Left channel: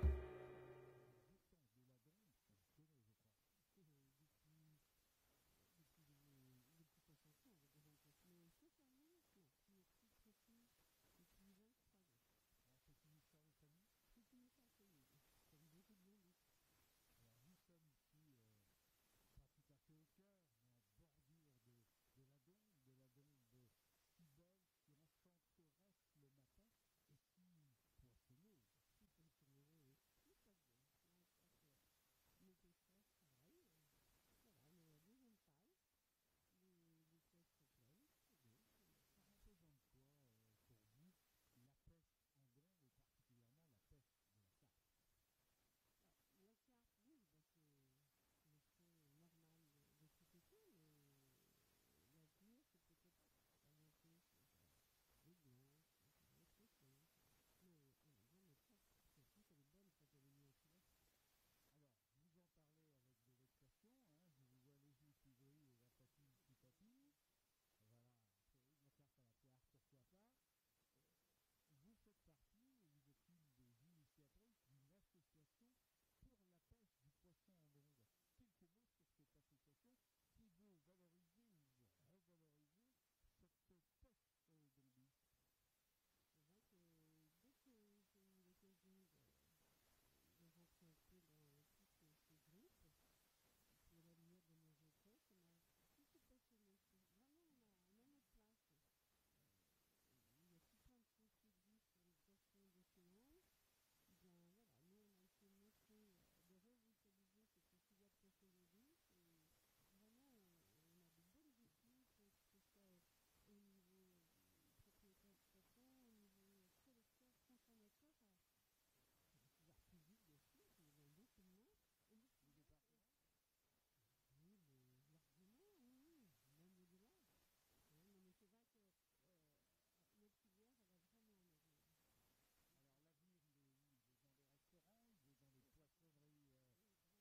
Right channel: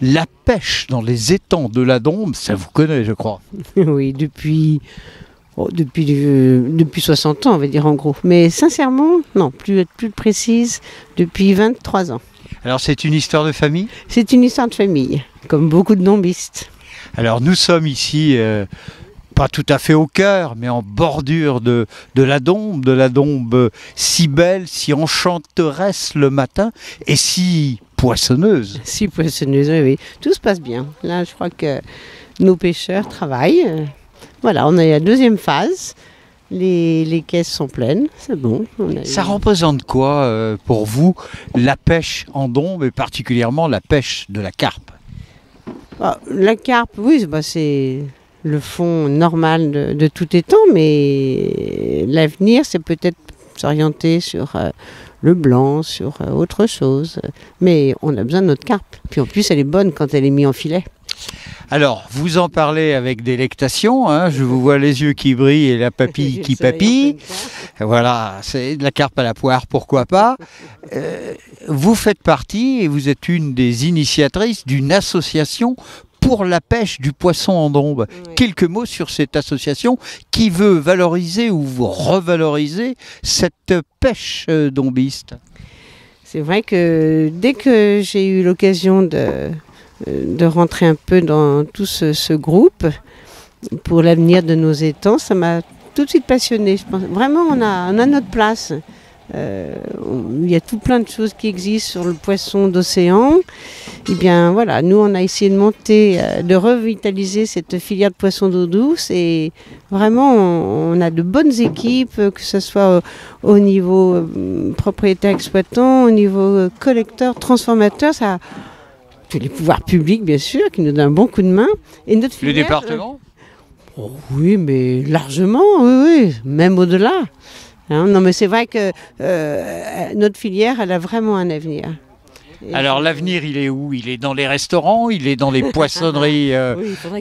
La pêche dans les étangs de la Dombe, ça vous connaît, je crois. Oui, depuis 60 ans, on va dire en gros. Mais sincèrement, non, plus précise, depuis 23 ans. Alors c'est une histoire de famille? C'est une histoire de famille, comme beaucoup de dombistes. Alors nous sommes ici, pas tout à fait au cœur, mais en bordure de la Dombe si belle, si enchanteresse le matin et si poissonneuse. Si poissonneuse, oui, oui. Tout se passe bien. Là, je crois que nos pêcheurs travaillent. Voilà, on est à la deuxième phase. Les caisses sont pleines, c'est bon. Ça représente quoi pour vous la pêche en Dombe et particulièrement la pêche de la carpe? La carpe, oui, c'est le fond normal de tout étang, mais l'avenir, c'est peut-être s'orienter sur le blanc, sur autre chose. Mais on a besoin de notre carpe. Puis en plus, elle est bonne quand elle est mise en filet. Alors, vous en parlez avec délectation, hein, je vous vois les yeux qui brillent et la papille qui papille. Voilà, c'est de la carpe à la poire, pourquoi pas. Vous faites partie et vous êtes une des initiatrices d'une association pour la pêche du poisson en Dombe. Oui. Quelques mots sur cette association qui veut valoriser ou revaloriser cette pêche dombiste. C'est vrai que dès que j'ai eu l'occasion de rentrer un peu dans tout ce groupe pour l'avenir de nos étangs, ça m'a tout de suite passionnée. Je pense, vraiment, on a notre place. Il y a tout plein de choses qui existent sur le poisson d'océan. Et bien voilà, nous on a essayé de monter, de revitaliser cette filière de poissons d'eau douce et vraiment on a de bonnes équipes, que ce soit au niveau propriétaire exploitant, au niveau collecteur, transformateur, ça. Les pouvoirs publics, bien sûr, qui nous donnent un bon coup de main. Et notre filière, le département oui, mais largement, oui, même au-delà. Hein, non, mais c'est vrai que notre filière, elle a vraiment un avenir. Alors l'avenir, il est où? Il est dans les restaurants, il est dans les poissonneries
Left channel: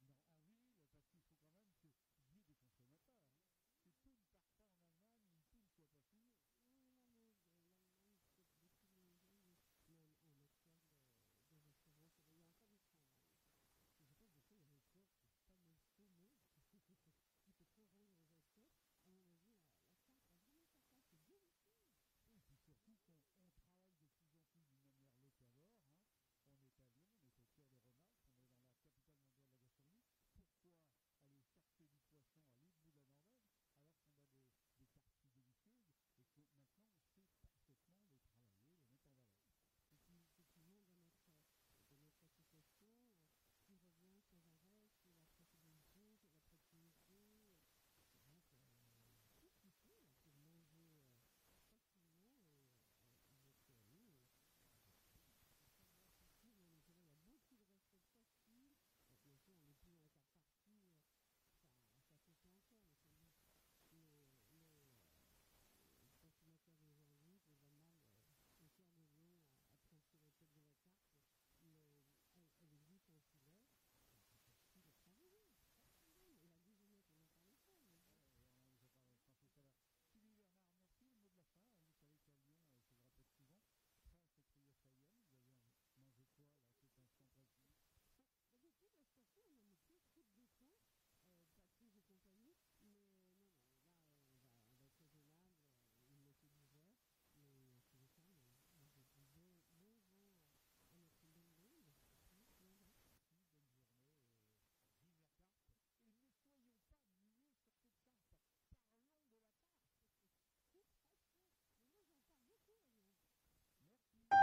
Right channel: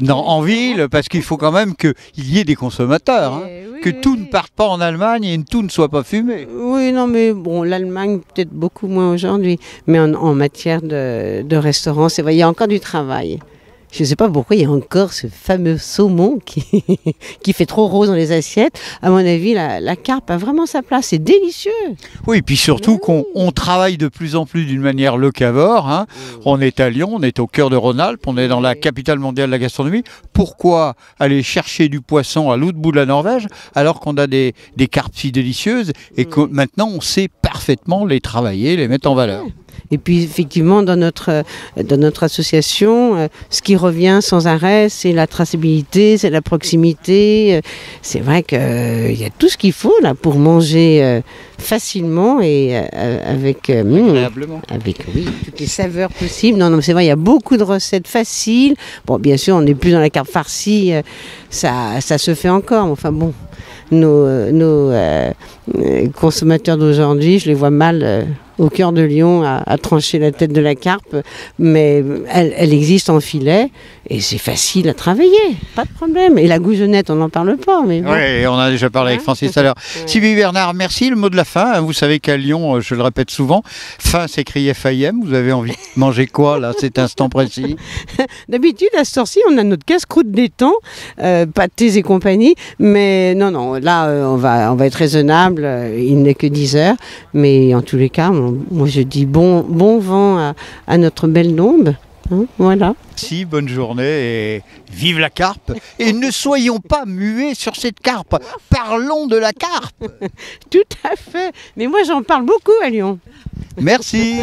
en ville, parce qu'il faut quand même qu'il y ait des consommateurs, hein, que tout ne parte pas en Allemagne et tout ne soit pas fumé. Oui, non, mais bon, l'Allemagne peut-être beaucoup moins aujourd'hui, mais en matière de restaurants, c'est vrai, il y a encore du travail. Je ne sais pas pourquoi il y a encore ce fameux saumon qui fait trop rose dans les assiettes. À mon avis, la carpe a vraiment sa place. C'est délicieux. Oui, et puis surtout qu'on travaille de plus en plus d'une manière locavore. Hein. On est à Lyon, on est au cœur de Rhône-Alpes, on est dans la capitale mondiale de la gastronomie. Pourquoi aller chercher du poisson à l'autre bout de la Norvège alors qu'on a des carpes si délicieuses et que maintenant on sait parfaitement les travailler, les mettre en valeur? Et puis effectivement, dans notre association, ce qui revient sans arrêt, c'est la traçabilité, c'est la proximité. C'est vrai qu'il y a tout ce qu'il faut là pour manger facilement et avec toutes les saveurs possibles. Non, c'est vrai, il y a beaucoup de recettes faciles. Bon, bien sûr, on n'est plus dans la carpe farcie, ça se fait encore. Mais enfin bon, nos consommateurs d'aujourd'hui, je les vois mal au cœur de Lyon à trancher la tête de la carpe, mais elle existe en filet et c'est facile à travailler, pas de problème. Et la goujonnette, on n'en parle pas. Mais bon. Oui, on a déjà parlé avec Francis tout à l'heure. Sylvie Bernard, merci. Le mot de la fin, vous savez qu'à Lyon, je le répète souvent, fin s'écrit FIM. Vous avez envie de manger quoi là, cet instant précis? D'habitude, à ce heure-ci, on a notre casse-croûte d'étang, pâtés et compagnie, mais non, là, on va être raisonnable, il n'est que 10 heures, mais en tous les cas, moi je dis bon vent à notre belle Dombe. Hein, voilà. Merci, bonne journée et vive la carpe. Et ne soyons pas muets sur cette carpe. Parlons de la carpe. Tout à fait. Mais moi j'en parle beaucoup à Lyon. Merci.